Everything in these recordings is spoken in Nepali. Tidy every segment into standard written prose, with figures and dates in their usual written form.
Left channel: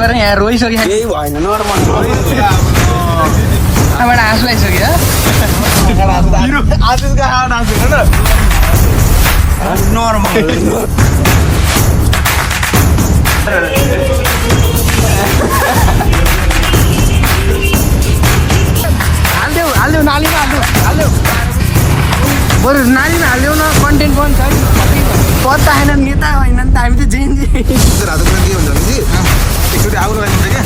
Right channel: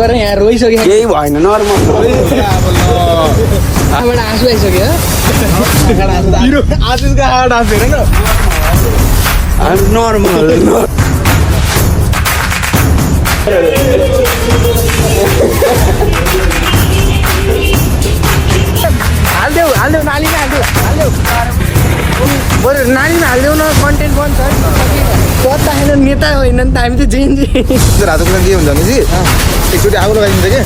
यहाँ रोइसक्यो केही भएन नर्मल आँसु आइसक्यो आशिषको हार्ड आँसु हेर न नर्मल हालिदेऊ नालीमा हालिदेऊ बरु नालीमा हालिदेऊ न कन्टेन्ट पनि छ पत्ता छैन नेता होइन नि त हामी त जेएनजी हातको के हुन्छ भने एकचोटि आगो लगाइदिन्छ क्या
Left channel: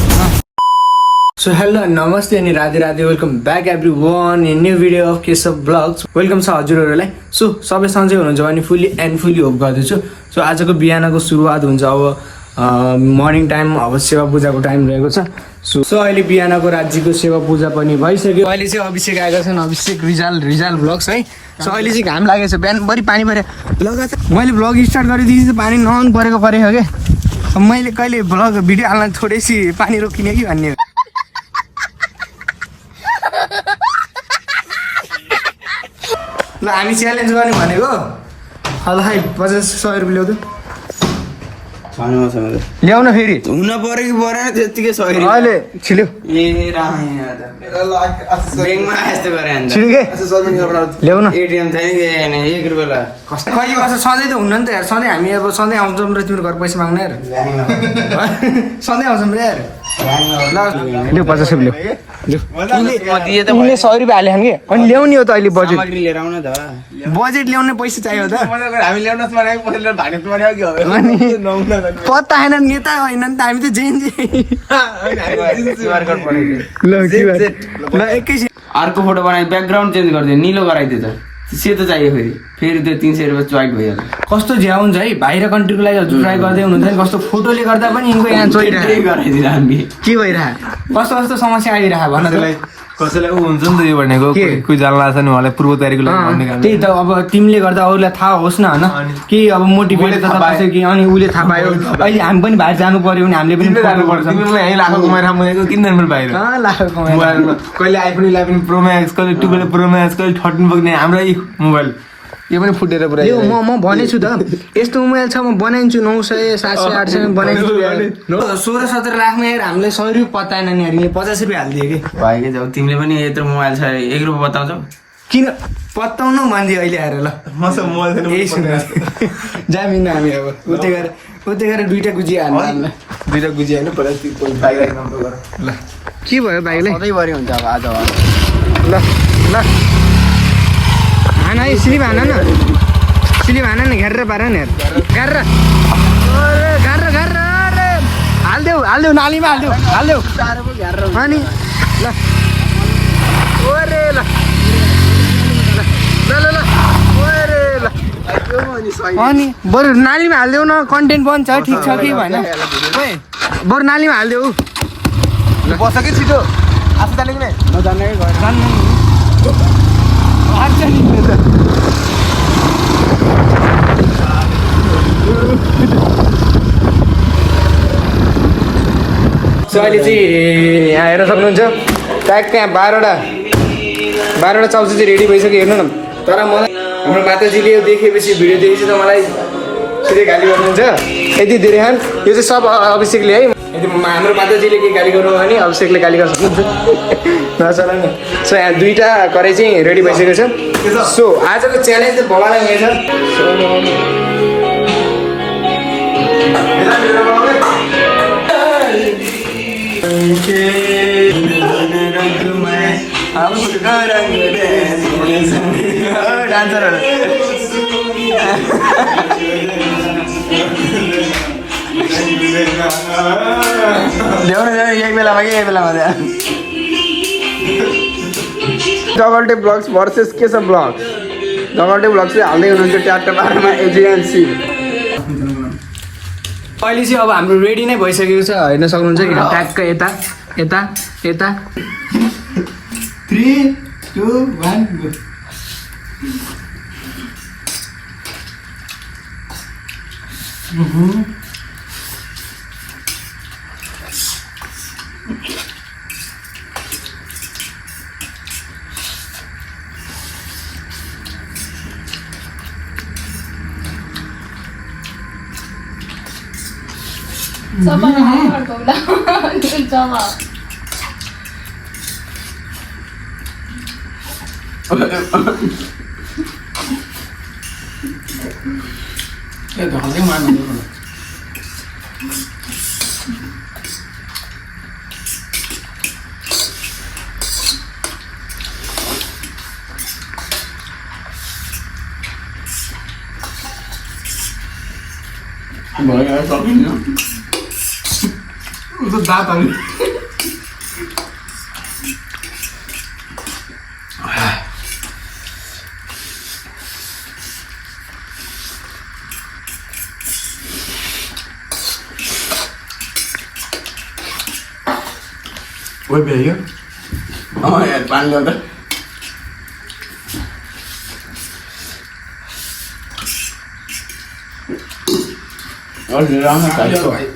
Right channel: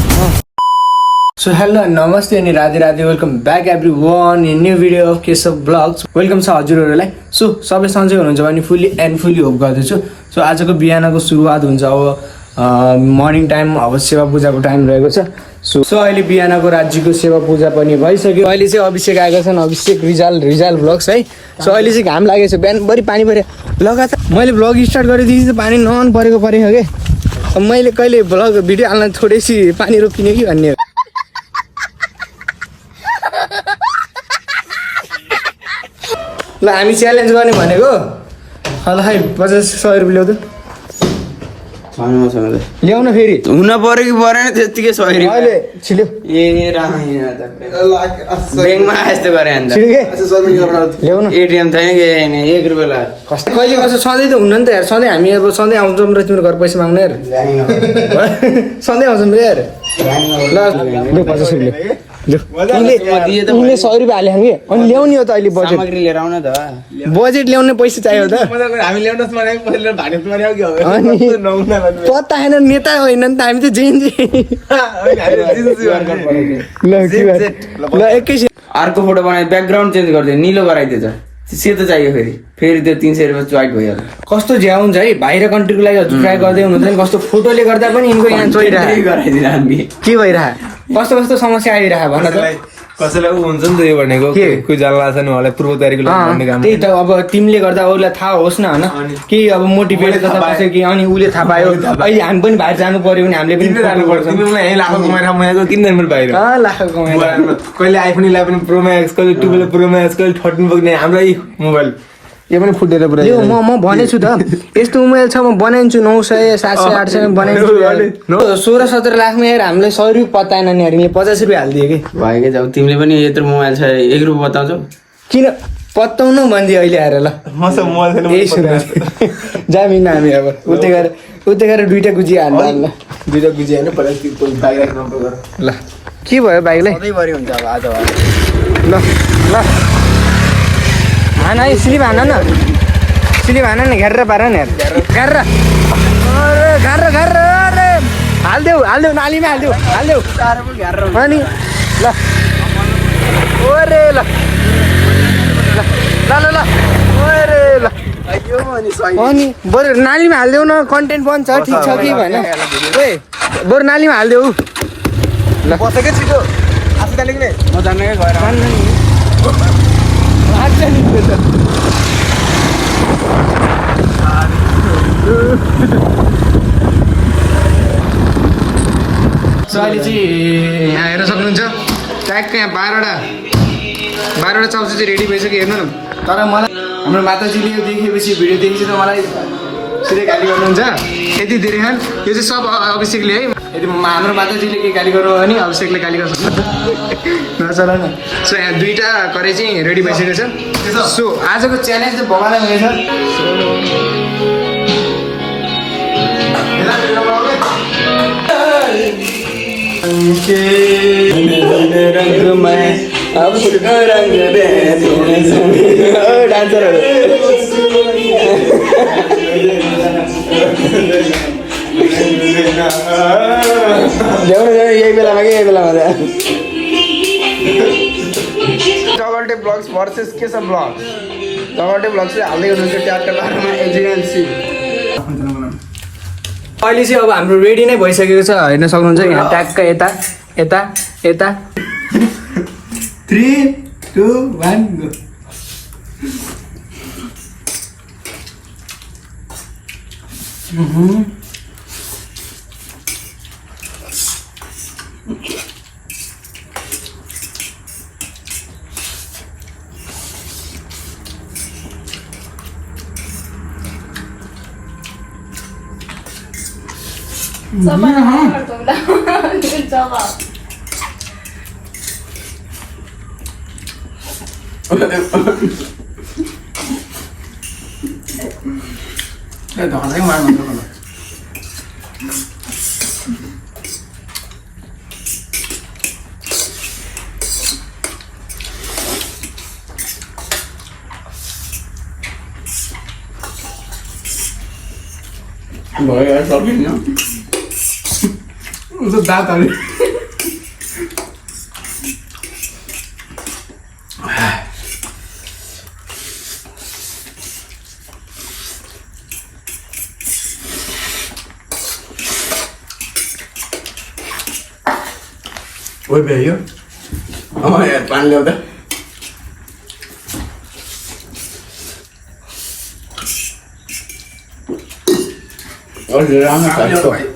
सो हेलो नमस्ते अनि Radhe Radhe welcome back every one in new video of Keshav blogs welcome छ हजुरहरूलाई सो सबै सन्चै हुनुहुन्छ भने फुल्ली एन्ड फुल्ली होप गर्दैछु सो आजको बिहानको सुरुवात हुन्छ अब मर्निङ टाइम अब सेवा पूजाको टाइम रहेको छ सो अहिले बिहानको राज्यको सेवा पूजा पनि भइसक्यो अहिले चाहिँ अभिषेक आएको छन् अभिषेक रिजाल ब्लग्स है सो अहिले चाहिँ घाम लागेको छ बिहानभरि पानी पऱ्यो लगातार मैले ब्लग स्टार्ट गरेदेखि चाहिँ पानी नन परेको क्या मैले कहिले ब्लग भिडियो हाल्न थोरैसी पानी रोकिने कि भन्ने हो ल हामी च्यालेन्ज गर्ने भनेको ल खै 50-100 रुपियाँ ल्याउन फेरि हुन पर्यो कि परेन त्यतिकै सही अहिले छिल्यो ब्याङ्कमा यस्तो गरे अन्त ल्याउन एटिएम छैन कि छैन 1 रुपियाँ ल कहिले कसो सधैँ त हुन्न नि त यार सधैँ हामी अब सधैँ आउँछौँ र तिम्रो घर पैसा माग्ने यार सधैँ आउँछौँ र यार ल ल्याउ 50 रुपियाँ ल्याउ उनले 100 रुपियाँ हाले कि अनि ल्याउने हो त अहिले बजेट लिएर आउन त बजेट ल्याउने पैसा चाहियो त हामी ल्याउनुहोस् भने पैसा भाग्ने तुम्हारे हो अनि पत्ता छैन नेता होइन नि त हामी त जेएनजी ल एकैछिन अर्को फोटो बनाए ब्याकग्राउन्ड चेन्ज गरिदियो निलो गराइदिएछ सेतो चाहियो फेरि त्यो 300 रुपियाँ च्वाइट भइहाल्यो कस्तो झ्या हुन्छ है बाहिर कन्ट्रीको लागि हजुर ट्राई गर्दै हुनुहुन्छ नि कस्तो फोटोले गर्दा पनि यिनको यहाँ चोइरहेको गराइदिएर हामी के भइरहेको कस्तो कस्तो समस्या आइरहेको भन त कसैलाई हुन्छ नि त यो भनेको कोही जान लाग्छ नि उहाँलाई पूर्व तयारीको लागि काम त्यही त अब तिमीले गर्दा अरूलाई थाहा होस् न होइन केही अब मोटिभेट गर्दा कसै कि अनि उसले थाहा पायो अहिले हामी पनि बाहिर जानु पर्यो भने हामीले पनि यहीँ लाखो कमाएर आउनु किन जानु बाहिर लाख कमाएर कहिले आइफोन 11 प्रो म्याक्स कहिले 12 प्रो म्याक्स कहिले 13 पुग्ने हाम्रै मोबाइल यो पनि फुटेर पुरा यो म भनेछु त यस्तो मोबाइल छ म बनाइदिन्छु 900 700 800 बनाइदिन्छु 16-17 लाखमा हेर हामीले 100 रुपियाँ पत्ताएन नि हेर 50 रुपियाँ हालिदियो कि भाइकै जाऊ तिमीले पनि यत्रो मोबाइल छ 1 रुपियाँ बताउँछौ किन पत्ताउनु भनिदियो अहिले आएर ल यही सुन जामिन हामी अब उतै गएर दुईटा गुजी हाल्नु दुईटा गुजी होइन बाइक नम्बर ल के भयो बाइकलाई हुन्छ अब आज ल ल हान है स्लिप हान न घेरेर पार नि घेरेर हालिदेऊ नालीमा हालिदेऊ अनि ल ओरे ल ओरे ल अनि बरु नालीमा हालिदेऊ न कन्टेन्ट बन्छ ठिक छ कि भएन ए बरु नालीमा हालिदेऊ ल बस्छ के छिटो आफू जाने कि जान्न नि सो अहिले चाहिँ यहाँ हेर्न सक्नुहुन्छ ट्यागको यहाँ 12वटा चाउचाउ चाहिँ रेडी भइसक्यो हेर्नु न तर मलाई हाम्रो माताजीले यो देखेपछि भिडियो देखेपछि त मलाई सिधै गाली गर्नुहुन्छ यति धेरै खान यो चाहिँ सब अभिषेकले है यदि हाम्रो माताजीले केही गाली गर्नु भने अभिषेकले गाली गर्न सक्नुहुन्छ नचल न सो यहाँ 2टा कराई चाहिँ रेडी भइसकेको छ सो आजको च्यालेन्ज चाहिँ भगवान हुनेछ डान्सरहरू ल्याउनु यही बेलामा डबल्टे ब्लग्स भर्सेस केशव ब्लग्स डबल्टे ब्लग्स चाहिँ हाल्दै हुनुहुन्छ 4-12 एजेन्सी अहिले चाहिँ अब हाम्रो रेडी नै भइसकेको छ हेर्न सक्नुहुन्छ यहाँ ट्यागका यता 3 2 1 गो भयो सकिन्न उसको दाँत हाल्ने ओइ भ्यायो पानी ल्याउँदा राम्रो छ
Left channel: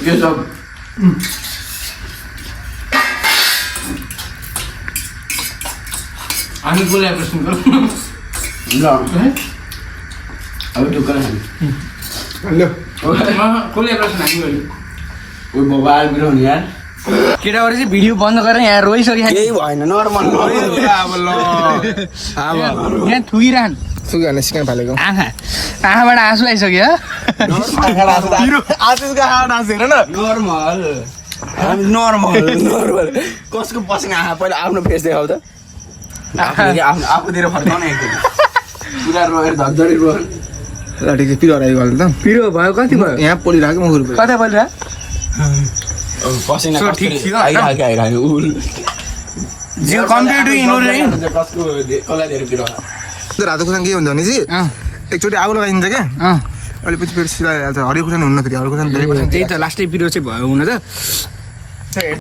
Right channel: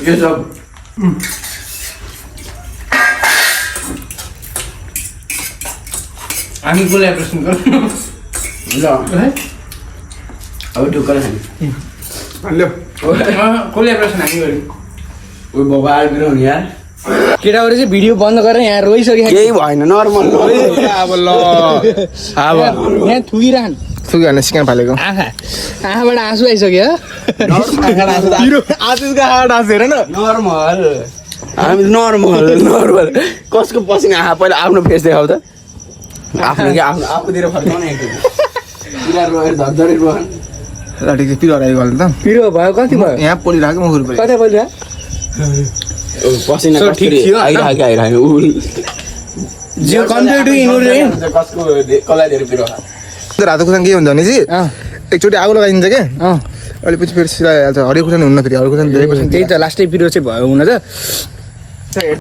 के छ हामी बोलाए प्रश्न गर्नु ल अब ढुक्कर खाने ल्याउ कसले प्रश्न हामी गऱ्यौँ ओ बाबा आइबिरहनु यार केटाहरू चाहिँ भिडियो बन्द गरेर यहाँ रोइसक्यो केही भएन नर्मल अब ल अब यहाँ थुकिरहन् सुगाले सिकाउन फालेको आँखाबाट आँसु आइसक्यो पिरो आशिषको हाड आँसु हेर न नर्मल हामी नर्मल नर्मल कसको पसिना आहा पहिला आफ्नो फेस देखाउ त आफ्नो आफूतिर फर्काउने एकचोटि पुरा रोएर धरधरी रोएर ल ठिक छ पिरो हरायो गल्नु त पिरो भयो कति भयो यहाँ पोलिरहेको म खुर्पे कता बोलिरह पसिना So, ठिक थियो, होइन? जियो कम्पेयर टु इनोर कसको कसलाई धेरै पिरो रातो खुर्सानी के हुन्छ भने चाहिँ एकचोटि आगो लगाइदिन्छ क्या अहिले पछि फेरि सिलाइहाल्छ हरियो खुर्सानी हुन्न फेरि हरियो खुर्सानी धेरै त्यही त लास्टै पिरो चाहिँ भयो हुन त